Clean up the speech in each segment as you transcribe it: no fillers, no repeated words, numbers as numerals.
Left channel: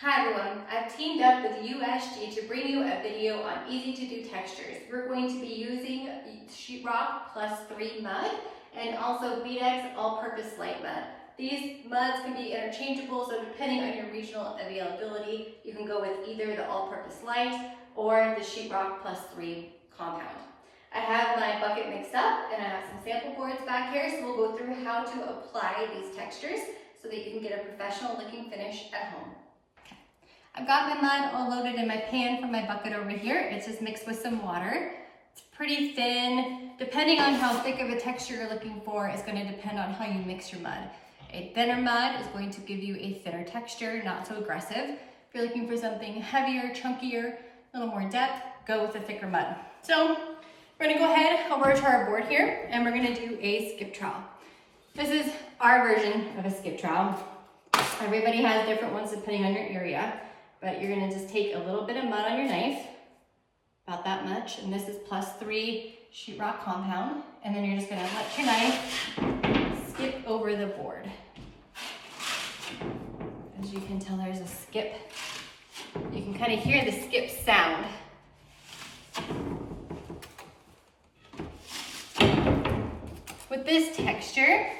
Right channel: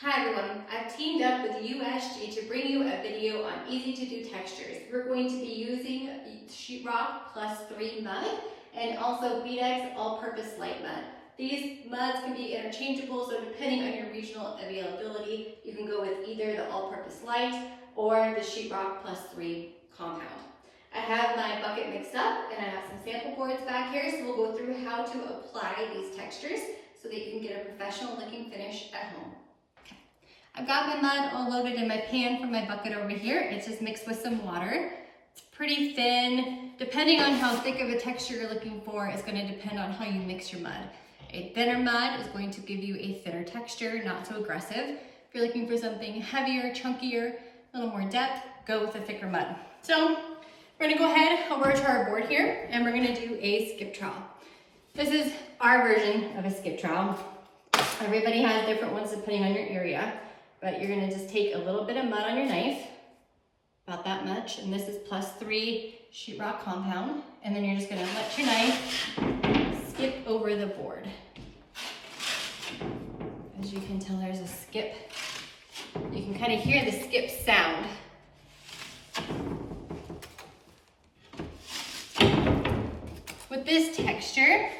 Hi everyone, I've teamed up with USG to bring you a video on easy to do textures. We're going to be using Sheetrock Plus 3 mud and also Beadex all-purpose light mud. These muds can be interchangeable, so depending on your regional availability, you can go with either the all-purpose light or the Sheetrock Plus 3 compound. I have my bucket mixed up and I have some sample boards back here, so we'll go through how to apply these textures so that you can get a professional looking finish at home. I've got my mud all loaded in my pan from my bucket over here. It's just mixed with some water. It's pretty thin. Depending on how thick of a texture you're looking for is going to depend on how you mix your mud. A thinner mud is going to give you a thinner texture, not so aggressive. If you're looking for something heavier, chunkier, a little more depth, go with a thicker mud. So we're going to go ahead over to our board here and we're going to do a skip trowel. This is our version of a skip trowel. Everybody has different ones depending on your area. But you're gonna just take a little bit of mud on your knife, about that much, and this is plus 3 sheetrock compound, and then you're just gonna let your knife skip over the board. As you can tell, there's a skip. You can kind of hear the skip sound. With this texture,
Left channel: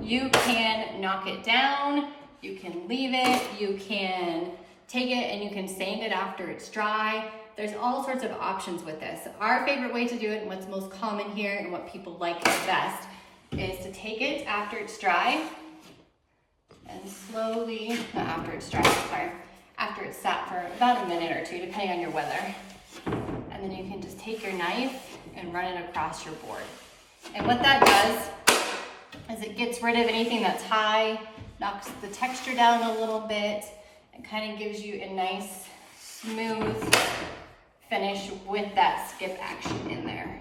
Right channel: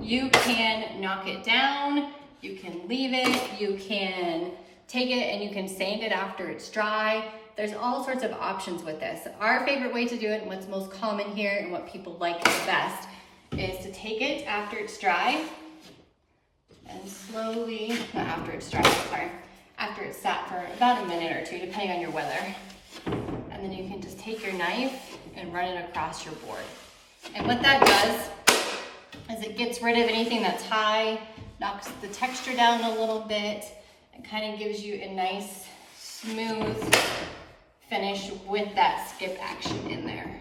you can knock it down, you can leave it, you can take it and you can sand it after it's dry. There's all sorts of options with this. Our favorite way to do it and what's most common here and what people like the best is to take it after it's dry and slowly, not after it's dry, sorry, after it's sat for about a minute or two, depending on your weather. And then you can just take your knife and run it across your board. And what that does is it gets rid of anything that's high, knocks the texture down a little bit, and kind of gives you a nice, smooth finish with that skip action in there.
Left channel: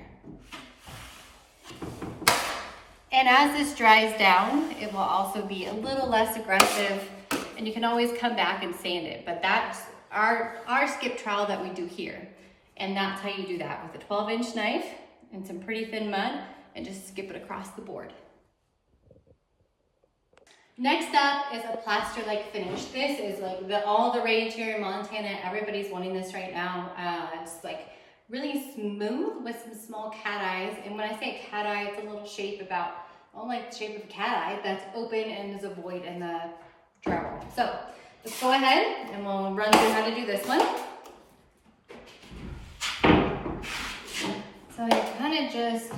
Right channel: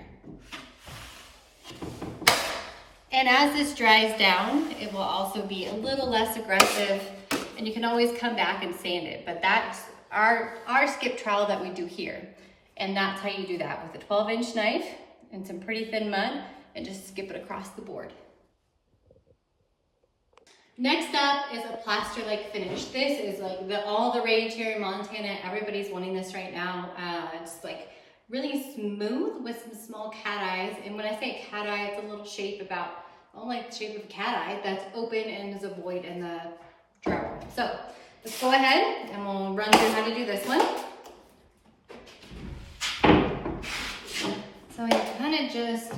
And as this dries down, it will also be a little less aggressive, and you can always come back and sand it. But that's our skip trowel that we do here. And that's how you do that with a 12-inch knife and some pretty thin mud, and just skip it across the board. Next up is a plaster-like finish. This is like all the rage here in Montana. Everybody's wanting this right now. It's like really smooth with some small cat eyes. And when I say cat eye, it's a little shape about, like the shape of a cat eye that's open and there's a void in the drywall. So let's go ahead and we'll run through how to do this one. So you kind of just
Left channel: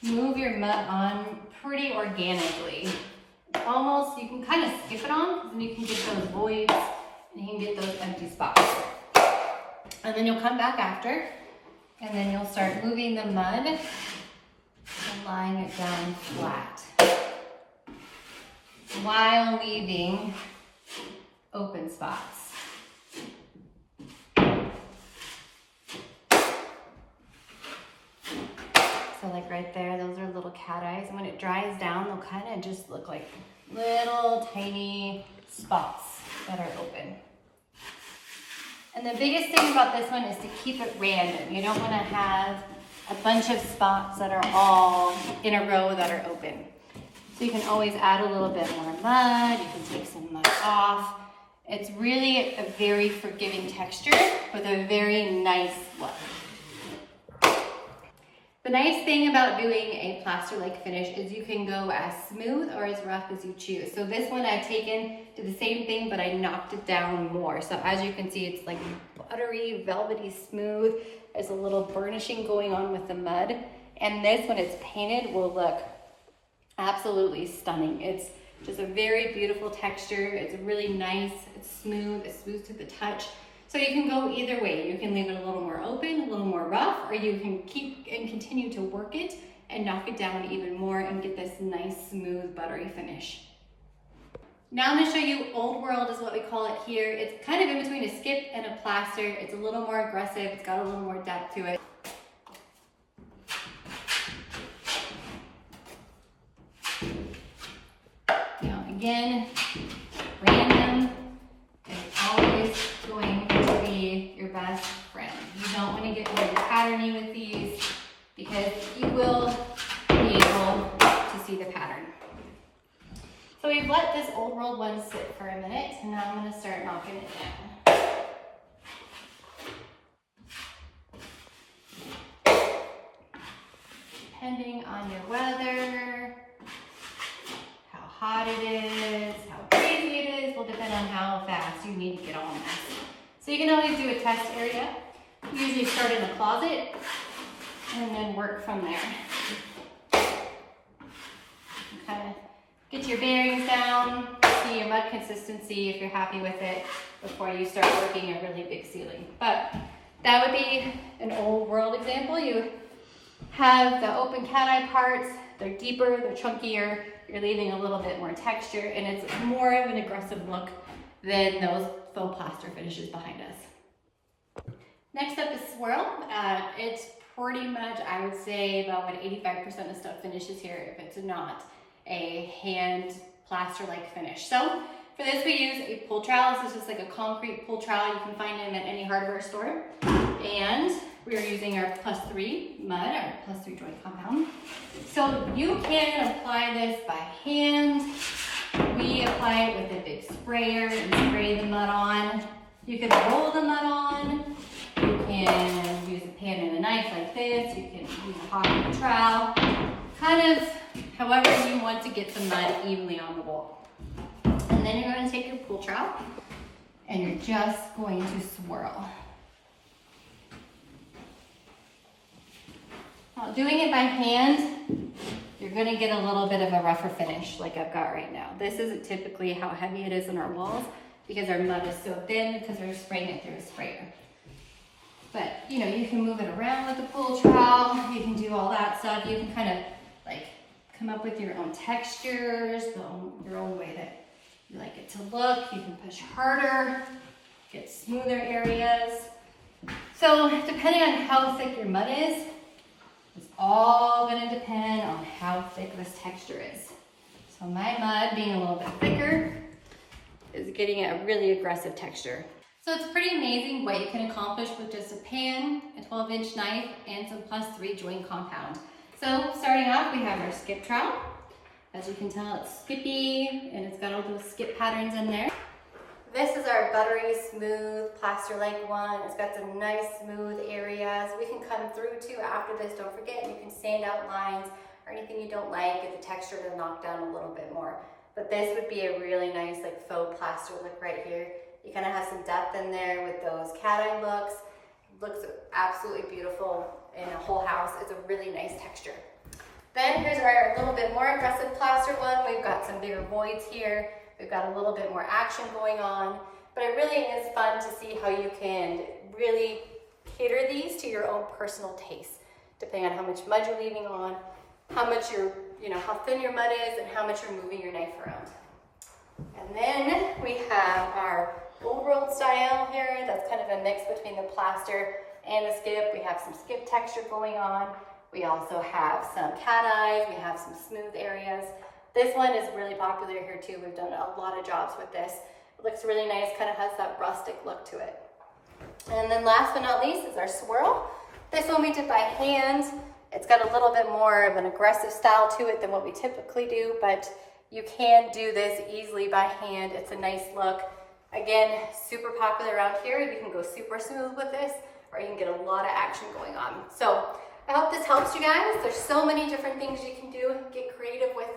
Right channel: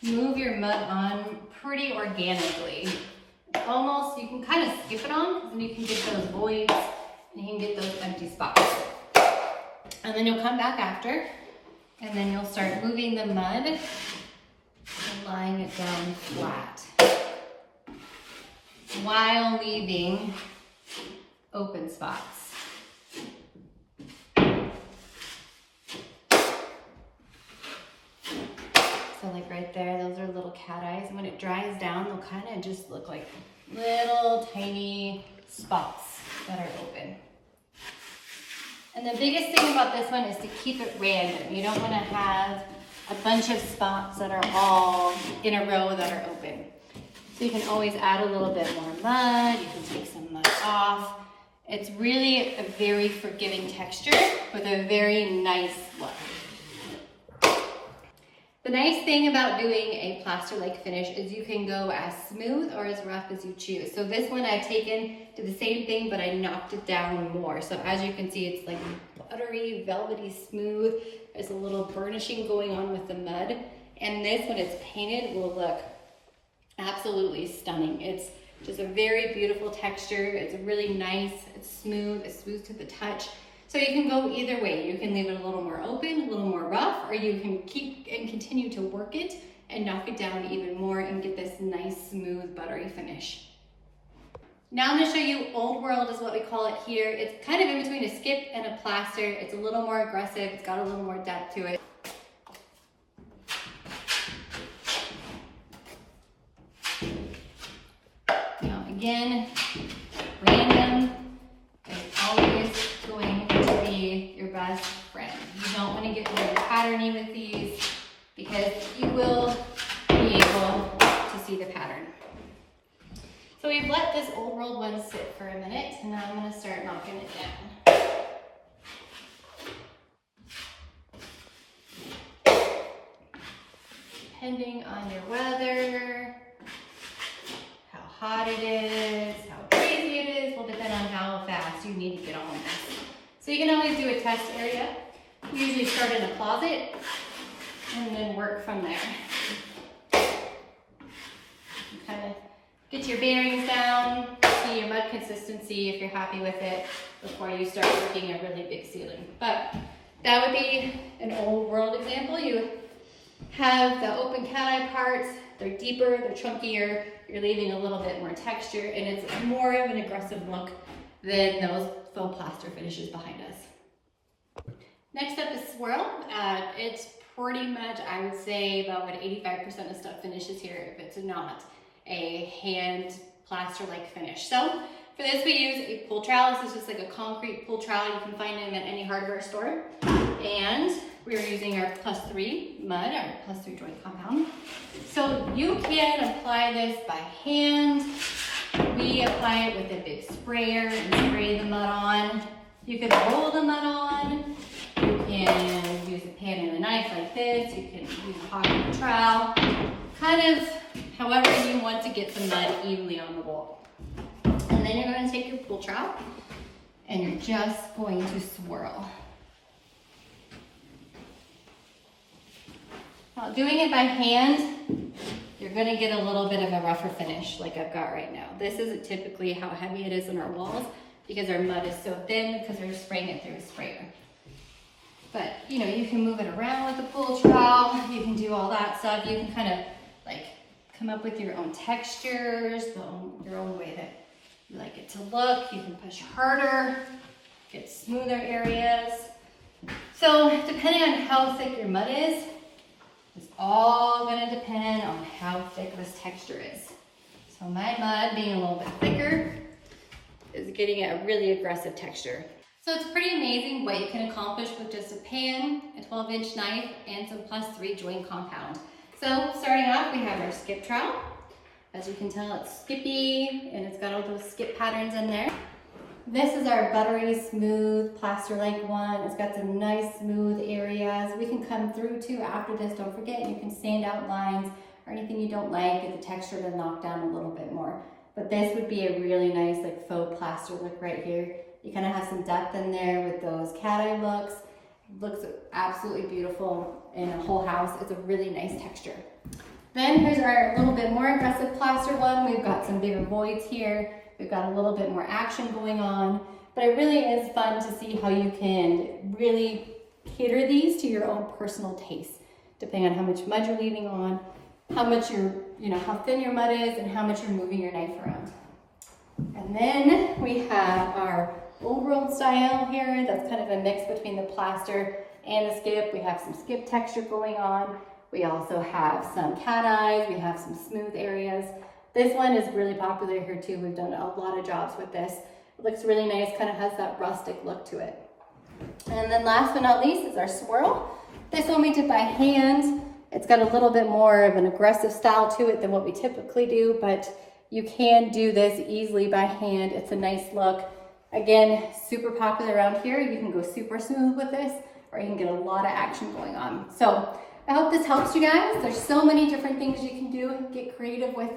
move your mud on pretty organically. Almost, you can kind of skip it on, and you can get those voids, and you can get those empty spots. And then you'll come back after, and then you'll start moving the mud and lying it down flat, while leaving open spots. So like right there, those are little cat eyes. And when it dries down, they'll kind of just look like little tiny spots that are open. And the biggest thing about this one is to keep it random. You don't want to have a bunch of spots that are all in a row that are open. So you can always add a little bit more mud. You can take some mud off. It's really a very forgiving texture with a very nice look. The nice thing about doing a plaster-like finish is you can go as smooth or as rough as you choose. So this one I've taken to the same thing, but I knocked it down more. So as you can see, it's like buttery, velvety smooth. There's a little burnishing going on with the mud. And this, when it's painted, will look absolutely stunning. It's just a very beautiful texture. It's really nice, it's smooth to the touch. So you can go either way. You can leave it a little more open, a little more rough, or you can keep and continue to work it and knock it down even more and get this nice, smooth, buttery finish. Now I'm gonna show you Old World is what we call it here. It's kind of in between a skip and a plaster. It's a little more aggressive. It's got a little more depth to it. Now again, random is always going to be your best friend. You don't want to get really patterny with these because you will be able to see the pattern. So we've let this Old World one sit for a minute, and now I'm going to start knocking it down. Depending on your weather, how hot it is, how crazy it is, will depend on how fast you need to get all messy. So you can always do a test area. Usually start in a closet and then work from there. Kind of get your bearings down, see your mud consistency if you're happy with it before you start working a really big ceiling. But that would be an old world example. You have the open cat eye parts, they're deeper, they're chunkier, you're leaving a little bit more texture, and it's more of an aggressive look than those faux plaster finishes behind us. Next up is swirl. It's pretty much, I would say, about 85% of stuff finishes here if it's not a hand plaster-like finish. So for this we use a pull trowel. This is just like a concrete pull trowel. You can find them at any hardware store. And we are using our +3 mud, our +3 joint compound. So you can apply this by hand. We apply it with a big sprayer and spray the mud on. You can roll the mud on. You can use a pan and a knife like this. You can use a hot and a trowel. Kind of however you want to get the mud evenly on the wall. And then you're going to take your pull trowel and you're just going to swirl. Now, doing it by hand, you're going to get a little bit of a rougher finish like I've got right now. This isn't typically how heavy it is in our walls because our mud is so thin because we're spraying it through a sprayer. But you know, you can move it around with the pull trowel, you can do all that stuff. You can kind of like come up with your own textures, your own way that you like it to look. You can push harder, get smoother areas. So depending on how thick your mud is, it's all going to depend on how thick this texture is. So my mud, being a little bit thicker, is getting a really aggressive texture. So it's pretty amazing what you can accomplish with just a pan, a 12-inch knife, and some +3 joint compound. So starting off, we have our skip trowel. As you can tell, it's skippy, and it's got all those skip patterns in there. This is our buttery, smooth, plaster-like one. It's got some nice, smooth areas. We can come through too after this. Don't forget, you can sand out lines or anything you don't like, get the texture to knock down a little bit more. But this would be a really nice like faux plaster look right here. You kind of have some depth in there with those cat eye looks. It looks absolutely beautiful in a whole house. It's a really nice texture. Then here's our little bit more aggressive plaster one. We've got some bigger voids here. We've got a little bit more action going on, but it really is fun to see how you can really cater these to your own personal taste, depending on how much mud you're leaving on, how much how thin your mud is, and how much you're moving your knife around. And then we have our old world style here. That's kind of a mix between the plaster and the skip. We have some skip texture going on. We also have some cat eyes. We have some smooth areas. This one is really popular here too. We've done a lot of jobs with this. It looks really nice, kind of has that rustic look to it. And then last but not least is our swirl. This one we did by hand. It's got a little bit more of an aggressive style to it than what we typically do, but you can do this easily by hand. It's a nice look. Again, super popular around here. You can go super smooth with this, or you can get a lot of action going on. So I hope this helps you guys. There's so many different things you can do. Get creative with it.